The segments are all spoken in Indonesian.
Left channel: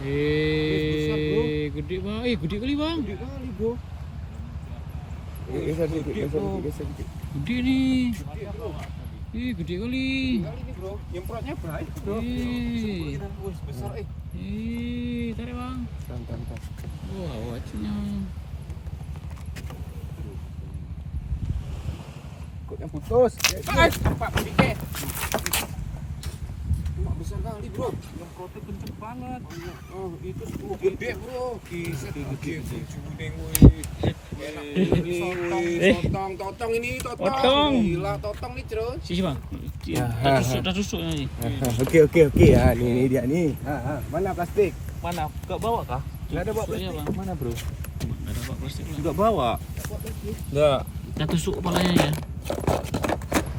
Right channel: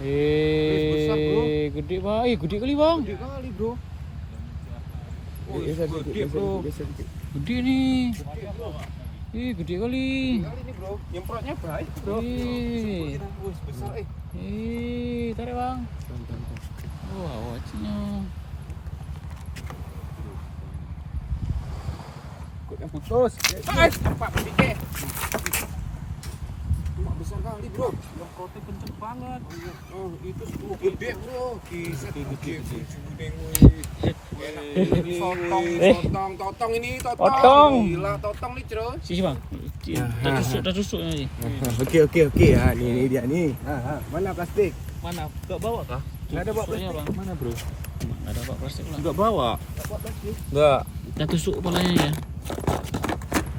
Gede bang. Gede kali bang. Gede kali bro. Geser dikit. Gede nih. Gede kali. Kali ini bro, nyemprotnya baik bro. Besar Tarik bang. Tahan. Wah, wajahnya. Yang putus. Pak Dike. Cuma besar kali bro. Nyemprotnya kenceng banget. Oh, itu gede bro. Kiset gede. Totong ini totong. Totong. Gila totong nih bro. Sisi bang. Dah tusuk nih. Oke. Ya, ini dia nih. Mana plastik? Mana? Gak bawa kah? Enggak ada bawa Tusuknya, plastik. Bang. Mana, Bro? Nggak ada pak plastik lah. Gak bawa. Enggak. Kita tusuk kepalanya ya.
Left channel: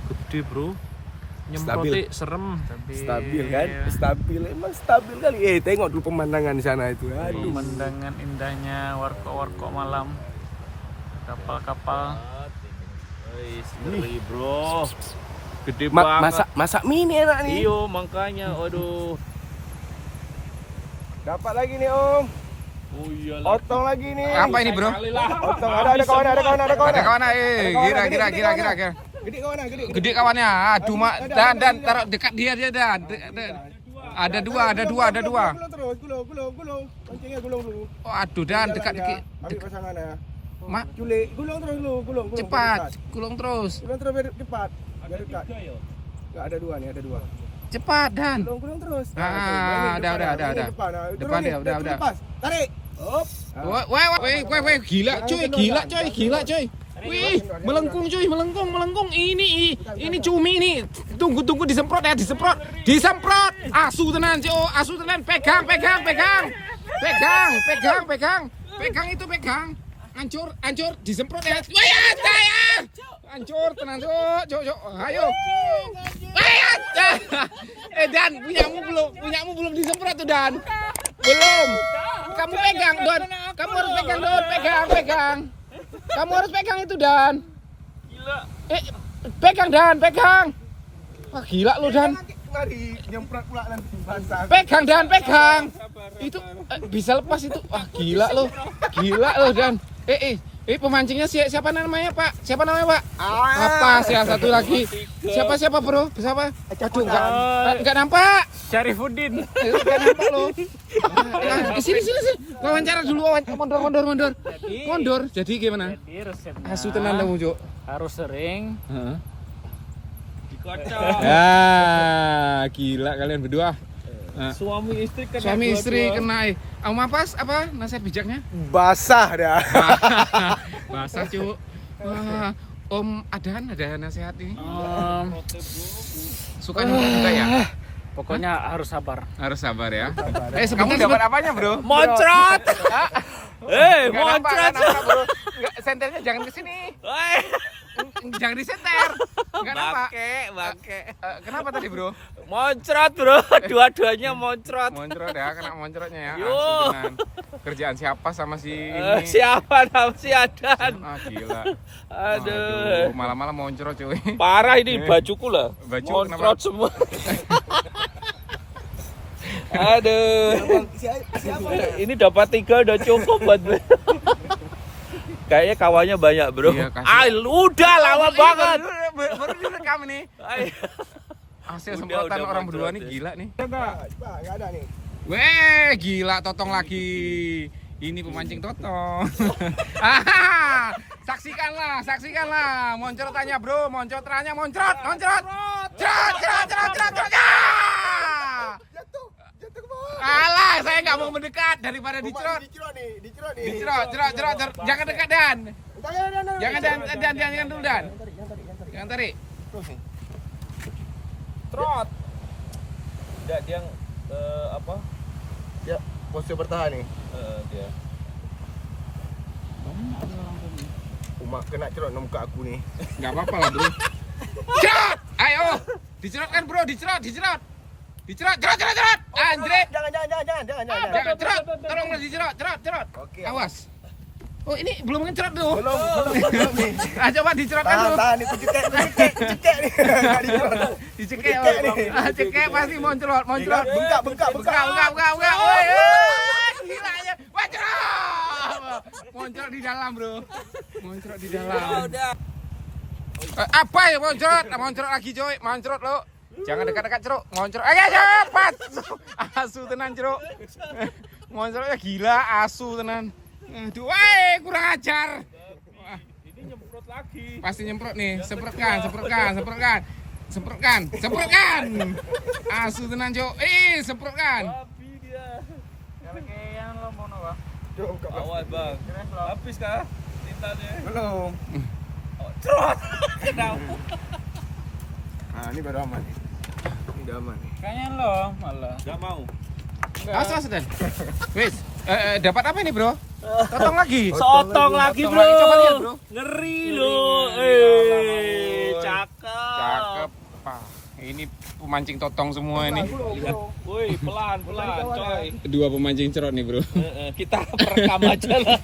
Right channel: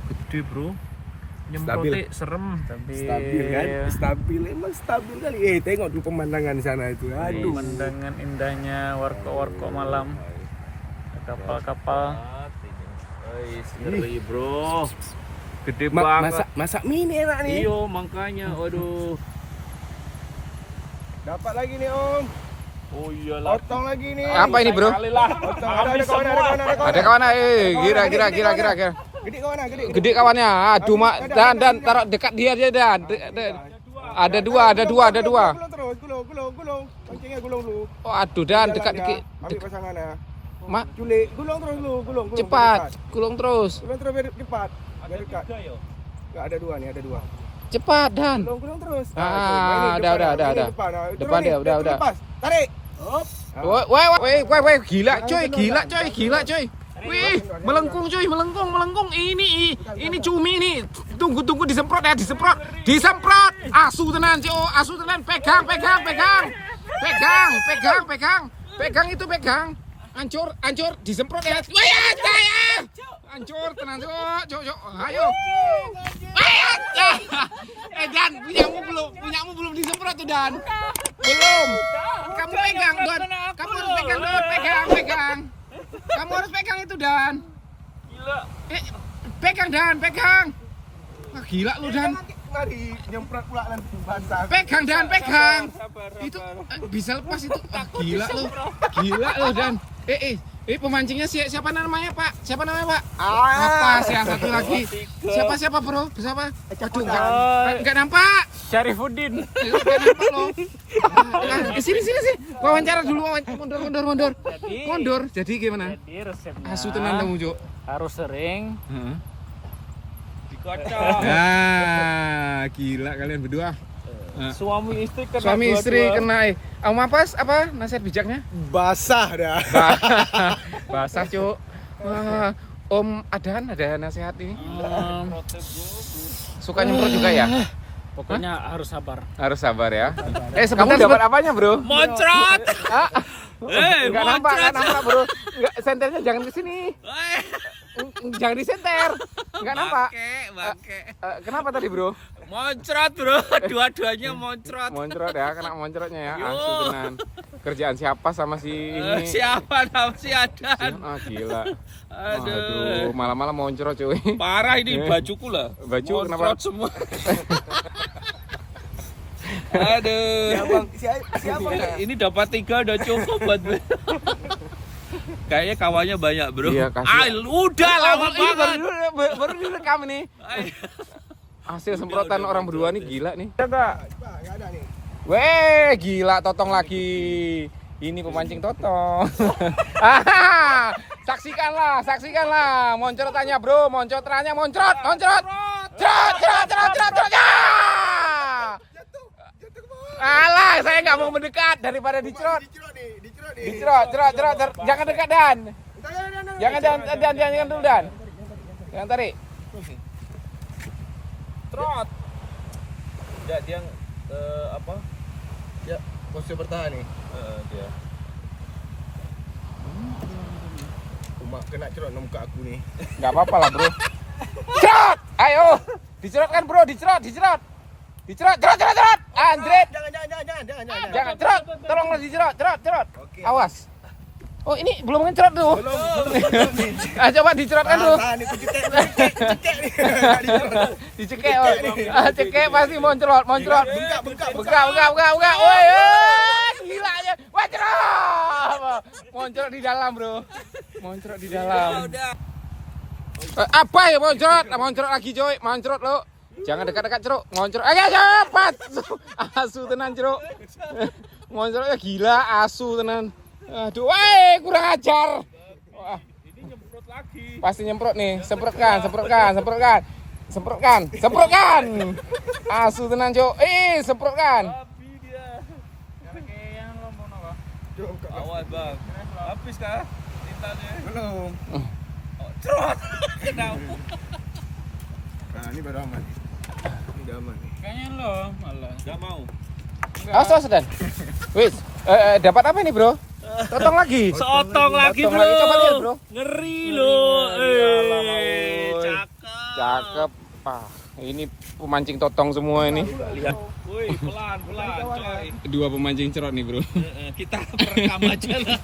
Gede bro. Stabil. Nyemprotnya serem. Stabil kan? Stabil. Emang stabil kali. Tengok dulu pemandangan di sana itu. Aduh. Pemandangan indahnya warkop malam. Kapal-kapal. Ngeri bro. Gede banget. Masak mie nih enak nih. Iyo makanya. Waduh. Dapat lagi nih, Om. Oh iya. Otong lagi nih. Apa ini bro? Otong. Ada kawan. Ada kawan Gila. Gede kawan. Gede kawannya. Aduh mak. Dan taruh dekat dia dan. Ada dua. Gulung. Pancingnya gulung dulu. Oh aduh dan dekat. Ambil pasangannya. Mak. Culik. Gulung terus dulu. Gulung. Cepat. Gulung terus. Gulung terus biar cepat. Biar dekat. Enggak ada dua nih, ada dua. Cepat dan. Gulung terus. Udah. Depan nih. Udah. Lepas. Tarik. Hop. Woi, gila coy. Wih, melengkung. Ini cumi ini. Tunggu disemprot. Asu tenan. Pegang. Hancur, disemprot ya. Wih, ya. Hancur tenan, Cok. Ayo. Dan punyamu belum disemprot tuh Dan. Belum. Kamu pegang, Don. Kamu harus pegang, Don. Pegang. Kamu harus pegang itu, Dan. Gila. Pegang. Wah, gila lu, Dan. Mari nyemprot pula nanti basah. Pegang. Itu bisa lepas itu. Ah, gila lu, Dan. Pemancingnya siapa namanya, Pak? Apa sih yang satu lagi? Siapa, Bro? Siapa? Aduh, enggak nampak. Syarifuddin. Enggak nampak lu. Sini. Wawancara dulu, mundur. Jadi gimana? Jadi resepnya Asu tenan kamu, Cuk. harus sering dikocok. Gila kalian berdua. Suami istri kena. Apa nasihat bijaknya? Basah dah. Basah, Cuk. Om ada nasihat ini? Suka juga ya. Pokoknya harus sabar. Harus sabar ya. Sebentar, Kamu dapat apanya, Bro? Moncrot. Moncrot. Senternya jangan ke sini. Jangan disenter. Enggak nampak. Bangke. Kenapa tadi, Bro? Moncrot, Bro. Dua-duanya moncrot. Moncrot ya, kena moncrotnya ya. Yo. Langsung dengan kerjaan siapa sama si ini? Siapa nama si Adan? Gila. Aduh. Malam-malam moncrot, cuy. Parah ini bajuku lah. Baju Moncrot semua. Aduh. Siapa? Ini dapat 3 udah cukup buat. Kayaknya kawannya banyak, Bro. Iya, kasih. Udah lama banget. Baru direkam nih. Hasil semprotan orang berdua nih gila nih. Enggak ada nih. Weh, gila totong lagi. Ini pemancing totong. Saksikanlah. Moncrotannya, Bro. Moncrot. Jatuh ke bawah. Alah, saya nggak mau mendekat daripada dicerot. Dicerot. Jangan dekat, Dan. Jangan dulu, Dan. Jangan tarik. Trot. Dia apa? Ya, posisi bertahan nih. Dia. Umak kena cerot muka aku nih. Nggak apa-apa lah, Bro. Cerot! Ayo! Dicerot kan, Bro? Dicerot! Cerot! Andre! Jangan cerot! Tolonglah dicerot! Cerot! Oke. Awas! Oh, ini belum ngecerot tuh. Belum nih. Coba dicerotkan dulu. Tahan nih, cekek nih. Enggak dicerot. Dicekek nih. Cekek pasti moncrot. Bengkak. Enggak. Moncrot di dalam, bro. Moncrot di Ya dalam. udah. Apa ya moncrot? Moncrot lagi, coy. Moncrot lo. Jangan dekat-dekat, Ceruk. Moncrot. Ayo, cepat. Asu tenan, Ceruk. Moncrotnya gila, asu tenan. Aduh, kurang ajar. Wah, Ini nyemprot lagi. pasti nyemprot nih. Semprotkan. Asu tenan, Cuk. Semprotkan. Babi dia. Kayak lo mau apa? Awas bang. Habis kah tintanya? Belum. Cerot. Kenapa? Nah, ini baru aman nih. Ini udah aman nih. Kayaknya lo malah. Gak mau. Awas, Dan. Wis, dapat apa ini, Bro? Potong lagi. Sotong lagi Potong bro. lagi. Coba lihat, Bro. Ngeri lo. Cakep. Cakep. Ini pemancing totong semua ini. Lihat. Woi, pelan, coy. Dua pemancing cerot nih, Bro. Kita perekam aja lah.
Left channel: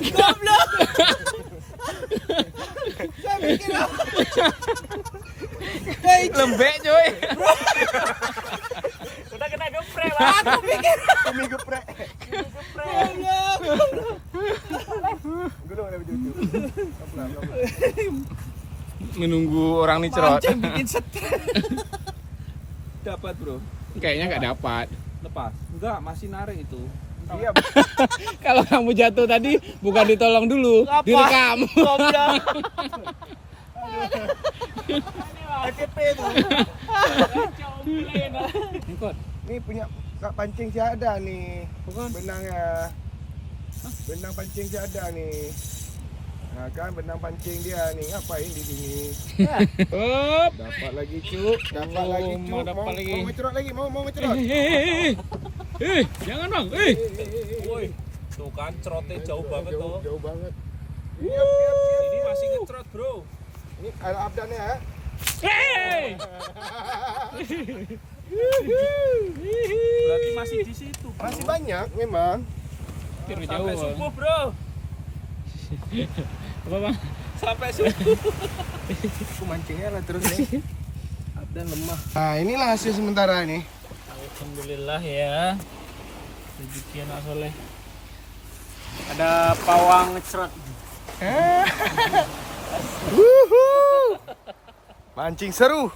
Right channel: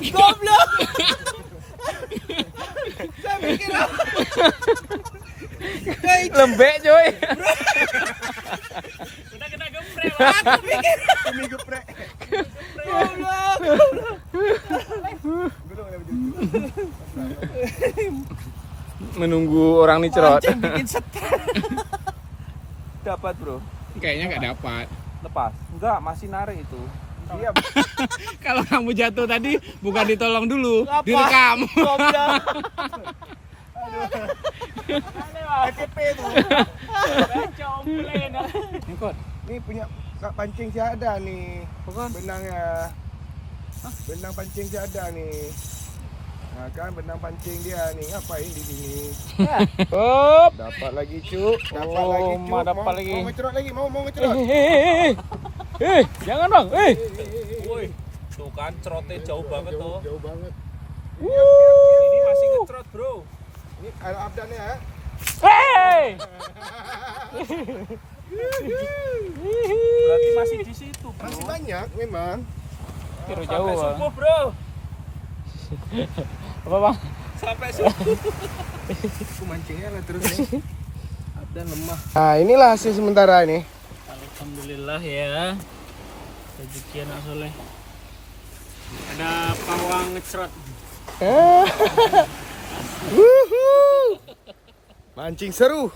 Goblok. Lembek, coy. Udah kena geprek lah. Aku pikir. Kami geprek. Goblok. Belum ada begitu. Menunggu orang nih cerot. Mancing bikin stres. Dapat bro. Kayaknya nggak dapat. Lepas. Enggak, masih narik itu. Iya. Kalau kamu jatuh tadi bukan ditolong dulu, Apa? direkam. Goblok. KTP itu. Complain. Ngikut. Ini punya kak pancing si ada nih. Benangnya. Benang pancing si ada nih. Nah kan benang pancing dia nih. Ngapain di sini? Up. Dapat lagi cuk. Dapat Oh, lagi cuk. dapat lagi. Mau ngecerot lagi. Mau ngecerot. Jangan bang. Woi, tuh kan cerotnya jauh banget tuh. Jauh banget. Ini masih ngecerot bro. Ini ada abdannya ya. Berarti masih di situ bro. Masih banyak memang. Tiru Sampai jauh. subuh bro. Apa bang? Sampai subuh. Aku mancingnya lah terus nih. Abdan lemah. Nah inilah hasil sementara nih. Alhamdulillah ya. Rezeki anak soleh. Ada pawang ngecerot. Wuhu. Mancing seru.